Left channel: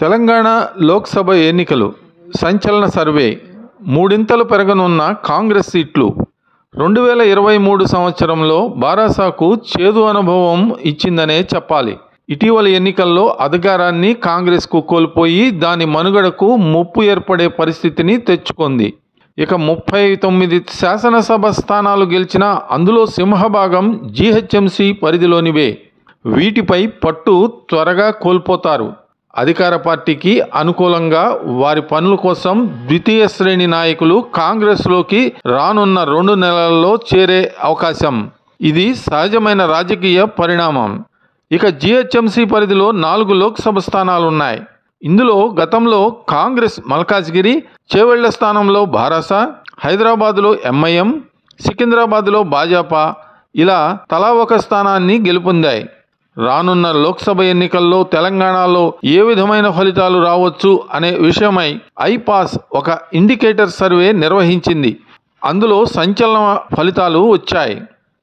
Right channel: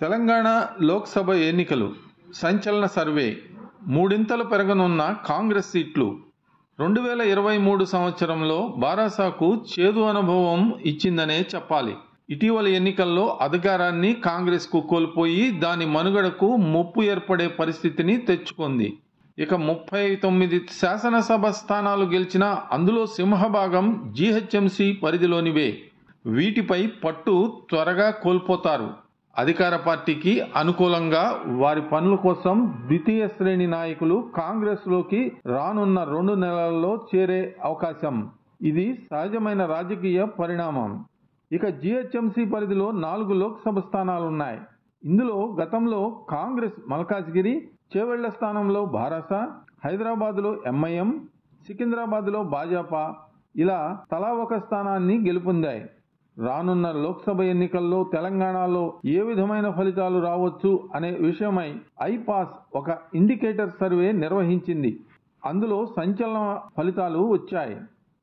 తెలంగాణ లోక్సభ ఎన్నికలు సంచలన సర్వే. మూడింతలు పెరగనున్న కాంగ్రెస్ సీట్లు. 2023 సంవత్సరంలో బారాసాకు చేదు అనుభవం ఇచ్చిందనే చెప్పాలి. ఇటీవల ఎన్నికల్లో అధికారాన్ని కాంగ్రెస్కు కోల్పోయి దాని మనుగడకు ముప్పు ఏర్పడే పరిస్థితిని తెచ్చుకుంది. ఇక 39 శాసనసభ స్థానాలు గెలిచినా అందులో సింహభాగం జీహెచ్ఎంసీ పరిధిలోనివే. వీటిపై పట్టు త్వరగా కోల్పోతారు. అధికార పార్టీకి అనుకూలంగా వారి పనుల కోసం ద్వితీయ శ్రేణి నాయకులు కాంగ్రెస్లోకి రానున్న 2 నెలల్లో చేరే అవకాశం. ఇది సహజమైన రాజకీయ పరిణామం. ఇక జీహెచ్ఎంసీ పరిధిలో 4 లోక్సభ స్థానాలున్నాయి. ఇందులో గతంలో కాంగ్రెస్ మల్కాజ్గిరి, చేవెళ్ల స్థానంలో బారాసా, హైదరాబాద్లో ఎంఐఎం, సికింద్రాబాద్లో భాజపా ఇలా తలా ఒక స్థానాన్ని గెలుపొందాయి. రానున్న లోక్సభ ఎన్నికల్లో తెలంగాణలో ఏ విధమైన ఫలితాలు రావచ్చు అనే విషయమై ఐపాస్ ఒక ఇండికేటర్ సర్వే నిర్వహించింది. అందులో సంచలన ఫలితాలు వచ్చాయి.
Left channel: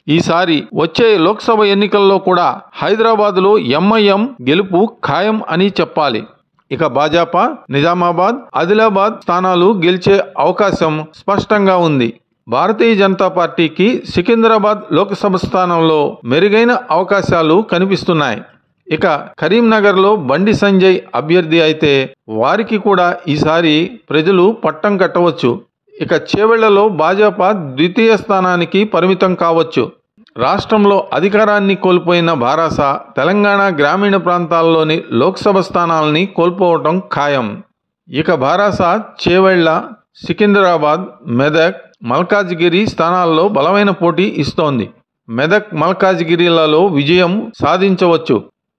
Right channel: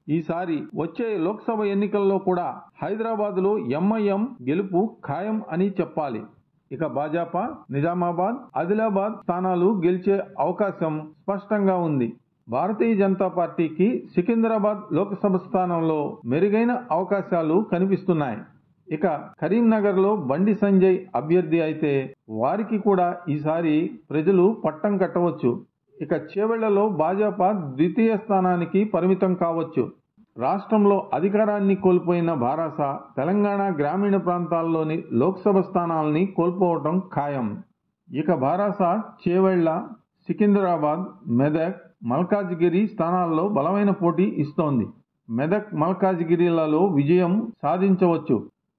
ఈసారి వచ్చే లోక్సభ ఎన్నికల్లో కూడా హైదరాబాద్లో ఎంఐఎం గెలుపు ఖాయం అని చెప్పాలి. ఇక భాజపా నిజామాబాద్, ఆదిలాబాద్ స్థానాలు గెలిచే అవకాశం స్పష్టంగా ఉంది. భారతీయ జనతా పార్టీకి సికింద్రాబాద్ లోక్సభ స్థానంలో మెరుగైన అవకాశాలు కనిపిస్తున్నాయి. ఇక కరీంనగర్లో బండి సంజయ్ అభ్యర్థి అయితే వారికి కూడా ఈసారి ప్రజలు పట్టం కట్టవచ్చు. ఇక చేవెళ్లలో భాజపా ద్వితీయ స్థానానికి పరిమితం కావచ్చు. రాష్ట్రంలో అధికారాన్ని కోల్పోయిన బారాసా తెలంగాణ గ్రామీణ ప్రాంతాల్లోని లోక్సభ స్థానాలని కోల్పోవటం ఖాయం. ఇక బారాసా చేవెళ్ల, సికింద్రాబాద్, మెదక్, మల్కాజ్గిరి స్థానాల్లో బలమైన పోటీ ఇస్తోంది. మెదక్, మల్కాజ్గిరిలలో విజయం సాధించవచ్చు.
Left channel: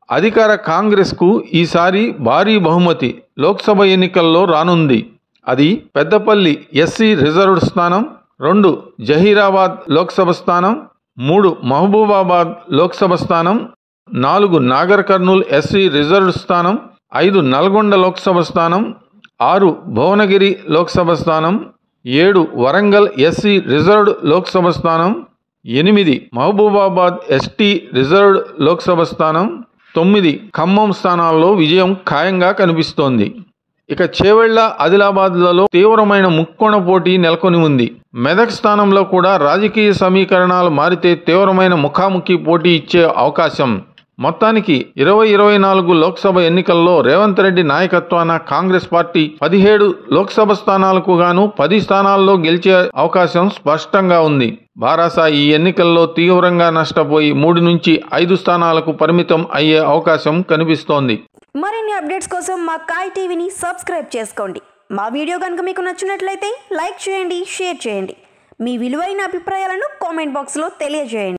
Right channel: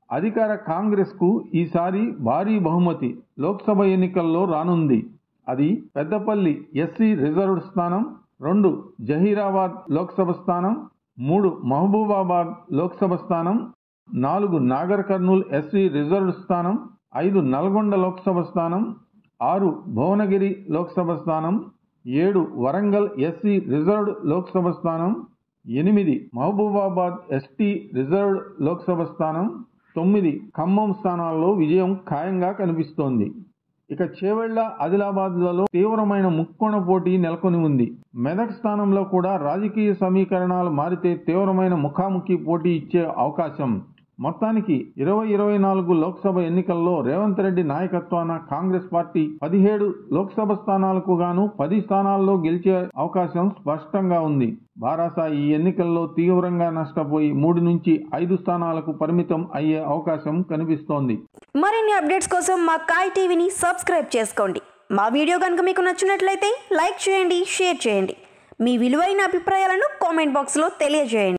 అధికార కాంగ్రెస్కు ఈసారి భారీ బహుమతి లోక్సభ ఎన్నికల్లో రానుంది. అది పెద్దపల్లి ఎస్సీ రిజర్వ్డ్ స్థానం, 2 జహీరాబాద్ లోక్సభ స్థానం, 3 మహబూబాబాద్ లోక్సభ స్థానం, 4 నాగర్ కర్నూల్ ఎస్సీ రిజర్వ్డ్ స్థానం, 5 నల్గొండ లోక్సభ స్థానం, 6 భువనగిరి లోక్సభ స్థానం, 7 వరంగల్ ఎస్సీ రిజర్వ్డ్ లోక్సభ స్థానం, 8 మహబూబాబాద్ ఎస్టీ రిజర్వ్డ్ లోక్సభ స్థానం, 9 ఖమ్మం స్థానాల్లో విజయం ఖాయంగా కనిపిస్తోంది. ఇక చేవెళ్ల, ఆదిలాబాద్లలో తీవ్రమైన ముక్కోణ పోటీ నెలకొని ఉంది. మెదక్ స్థానంలో కూడా రాజకీయ సమీకరణాలు మారితే తీవ్రమైన ముఖాముఖి పోటీ ఇచ్చే అవకాశం. మొత్తానికి 2024 లోక్సభ ఎన్నికల్లో రేవంత్ రెడ్డి నాయకత్వాన కాంగ్రెస్ పార్టీ 17 లోక్సభ స్థానాలకు గాను 10 స్థానాల్లో గెలిచే అవకాశం స్పష్టంగా ఉంది. బారాసా ఈ ఎన్నికల్లో తీవ్రంగా నష్టపోయి 3 నుంచి 5 స్థానాలకు పరిమితం అయ్యే అవకాశం కనిపిస్తోంది. మరిన్ని అప్డేట్స్ కోసం మా కాయ్ టీవీని సబ్స్క్రైబ్ చేసుకోండి. మా వీడియో కనుక మీకు నచ్చినట్లయితే లైక్ చేయండి, షేర్ చేయండి. మీ విలువైన అభిప్రాయాలను కామెంట్ బాక్స్లో తెలియజేయండి.